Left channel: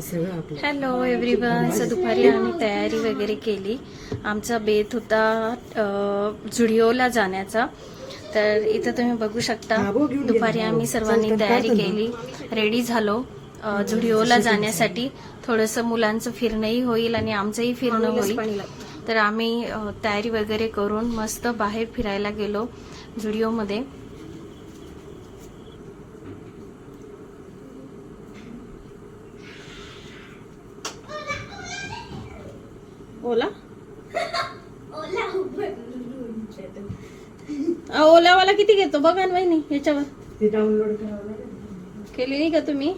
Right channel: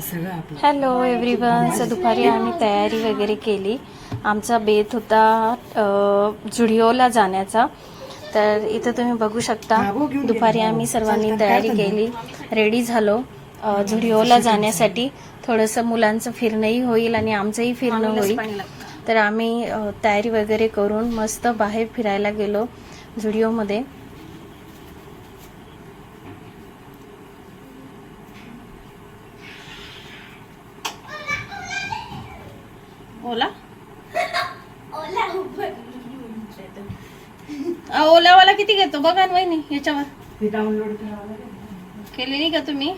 Hello everyone. So दुपारी आम्ही तयारी वगैरे केली. आमचा बेत होता जुडिओला जाण्याचा. तर इथं तुम्ही बघू शकता दुपारी आम्ही सर्वांनी तयारी केली, रेडी झालो जुडिओला जाण्यासाठी. थोडंसं मुलांचं फिरणंही होईल आणि आमचंही फिरणं होईल. तर आम्ही तयारी वगैरे करून मस्त बाहेर फिरायला गेलो जुडिओमध्ये. ओला ओलावाला किती घेतो बघा ना वहिनी. याच्यावर डाउनलोड केली नाही का तुम्ही?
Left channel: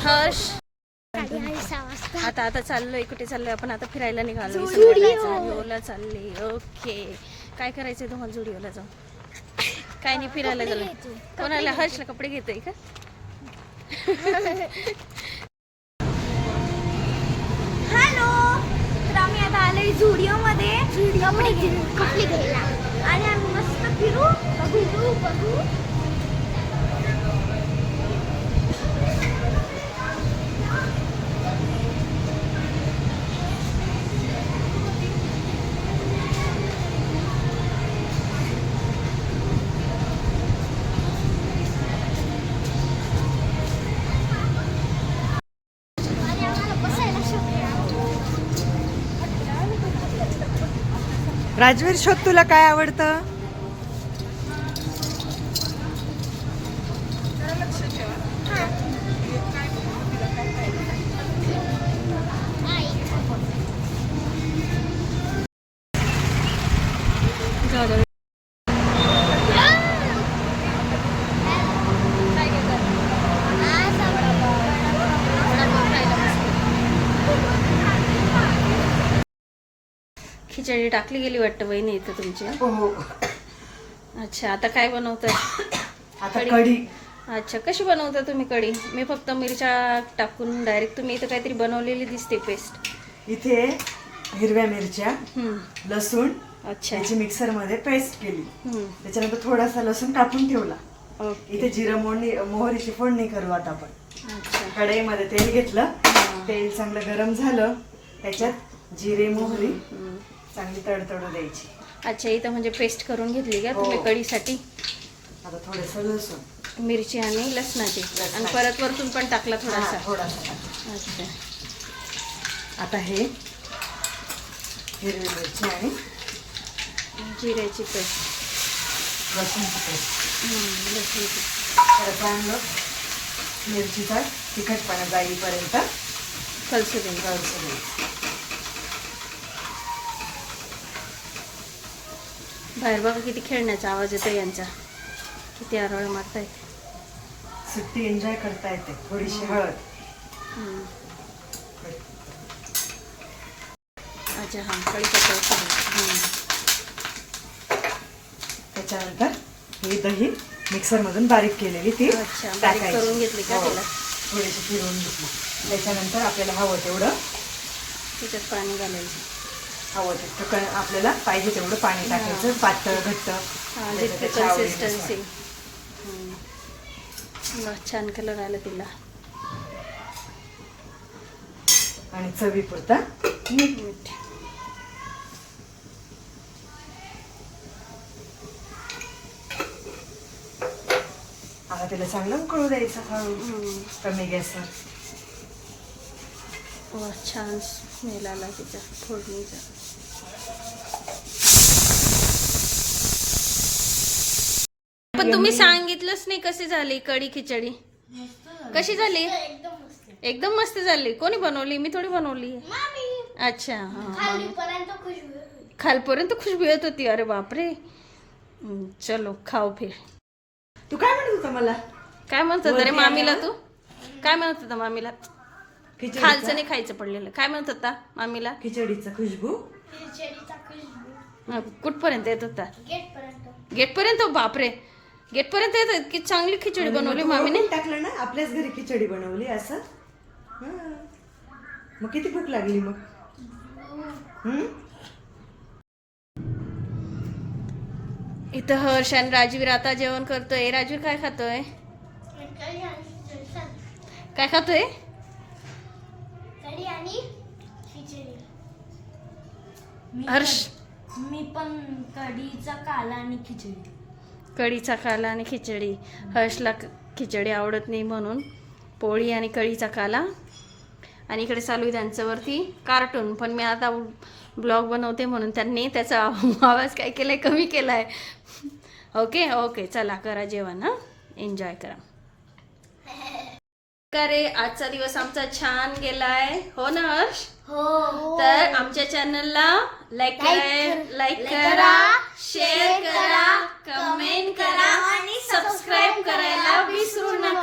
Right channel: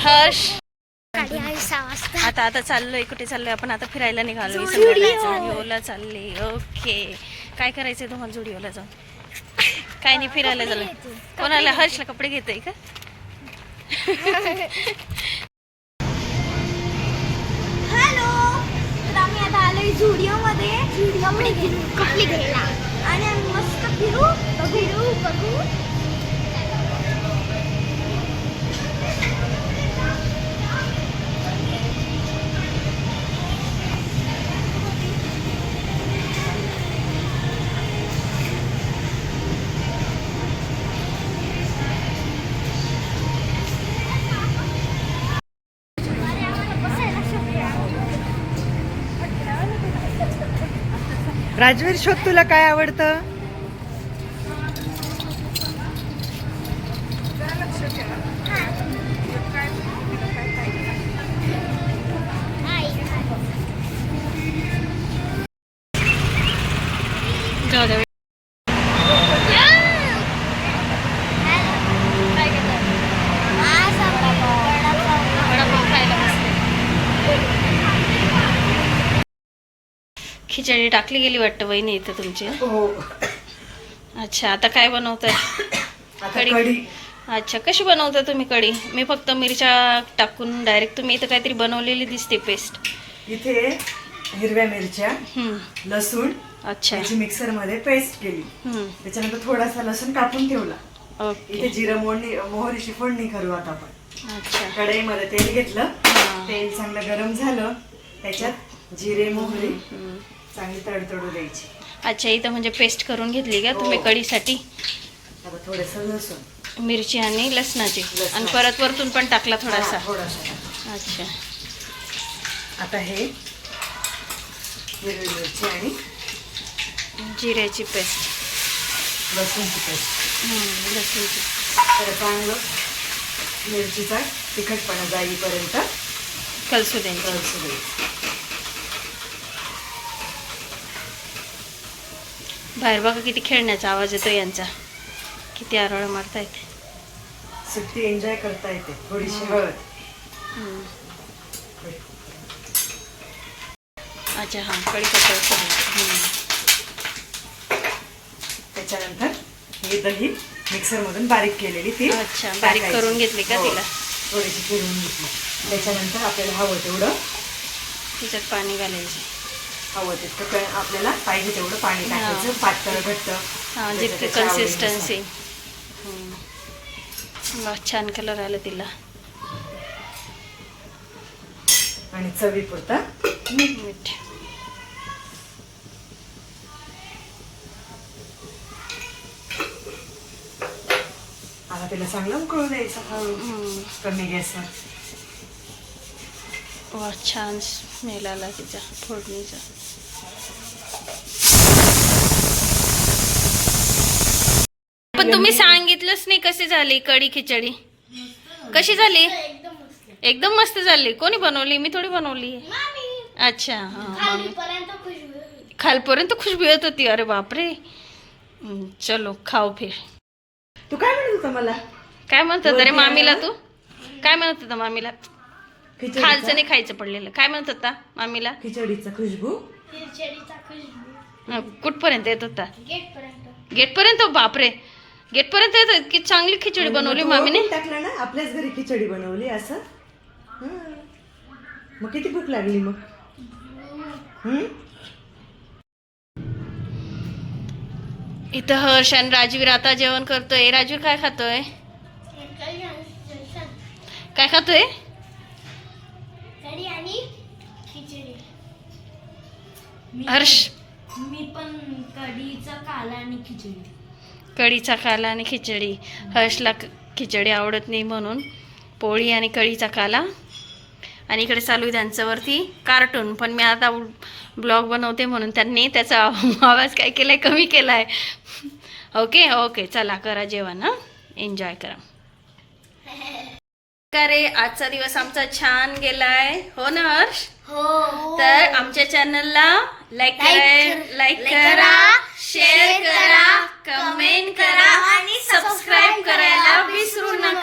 हर्ष आता चाललोय. कुठे चाललोय आपण? आता फिरायला निघालो. जुडिओला चालले. ओके. काय करायचंय तुम्हाला जुडिओला जाऊन? काय नाही, फिरायला झालं. कोणाला? हर्षला कपडे घेतोय का? हॅलो. तर आम्ही आता आलोय जुडिओ मध्ये कपडे घ्यायला आणि आम्ही मस्त फिरू बघू. राजवीर, शोध तुला काय आवडतं? जाऊ दे. खिचडी टाकली गेली वाटतं वहिनी इथं तुमची. अच्छा, आता काय बनवताय? कढी. अच्छा, कशी बनवता तुम्ही कढी? मी फक्त मिरच्या टाकून डायरेक्ट. तुम्ही इथं काहीतरी बनवलेली दिसते पेस्ट. इथे हिरव्या मिरच्या, लसूण, अच्छा, त्याची मिक्सर मध्ये पेस्ट केली. त्याच्यानंतर थोडासा लसूण कापून ठेवला. ओके. इथे जिरं मोहरीची फोडणी करू आता आपण. अच्छा, कढईमध्ये तेल घेतलं. तेल चांगलं गरम झालं. त्याच्यात जिरे मोहरी चांगली तडतडू द्यायची. अच्छा, इथं म्हणजे पेस्ट करून घेतली का तुम्ही कढीसाठी? आता थोडंसं लसूण, मिरची आणि लसणाची, आणि परत वरतून पण टाकला थोडासा. थोडासा. अच्छा, आता हे हिरवी मिरची आणि जिऱ्याची पेस्ट, लसूणची पेस्ट, लसूणची. तर चांगलं मिरचीचा तिखटपणा जाईपर्यंत कलसू द्यायची. कलसू द्यायचं. बाहेर बघा किती खेळण्याचा आवाज येतो यांचा. किती आरोळ मारतायत. सुट्टी एन्जॉय करता येते. थोडीशी हळद. अच्छा, हां, कढीपत्ता. त्याच्यानंतर ही दही मिक्सर मधून बारीक केलेली ती. अच्छा, बारीक करून घेतली का तिला? थोडीशी फिरवून घेतली. त्याच्यानंतर आपल्याला हवं तेवढं त्याच्यात पाणी घालायचं. हवं तितकं आपल्याला पाहिजे तेवढं पाणी टाकायचं. पातळ घट्ट, हां, जितकी कन्सिस्टन्सी. वा, छान कलर आला तिला. आणि चवीपुरता मीठ. आता तिला चांगलं उकळू द्यायचं हळू, कमी गॅसवर. वा, छान स्मेल आला तिचा फोडणीचा. पण तुम्ही सांगितलंच नाही कशी झाली कढी खिचडी. कशी झाली? एकदम मस्त झाली. कोणी बनवली? मी थोडी बनवली. अच्छा, हां, खालपर्यंत खुशबू येत होती. अरे बापरे. चलो खाऊ फिर. तू काय म्हणत होता मला? काय म्हणतात अरे मामीला? तू काय म्हणत होता मामीला? खालचं नाही खायचं पडलेलं. काय म्हणत होता मामीला? खिचडीचा खुशबू. कुठपर्यंत येत होता? गेट पर्यंत. गेटपर्यंत. बापरे. गेटपर्यंत येतो. इतकी चांगली खिचडी बनवली मामीने. टाकलं ना, आपल्याच घरी खिचडी बनवली असं. हं. मग किती भूक लागली मग? इथं हर्ष आणि राजवीर आता जेवण करतोय. राजवीर काय खातोय? काय खातोय? कढी आणि खिचडी. हर्ष मी पण कढीचा काला आणि खिचडी. कढीचा काला आणि खिचडी. हर्षला खिचडी आवडत नाही म्हणून पोळी आणि कढीचा काला. आणि इकडे चालू आहे त्यांच्यावरती कार्टून. पण मी आता ब्लॉग बनवते म्हणून त्यांनी त्याचा आवाज काय केलाय, कमी केलाय. ओके ओके, चला करा जेवण. हां, एन्जॉय करा. का रे, आजचा दिवस आमचा छान गेलाय. हो ना हर्ष? हो. तर आमच्या चॅनलला लाईक करा, शेअर करा, कमेंट करा आणि सबस्क्राईब करायला विसरू नका.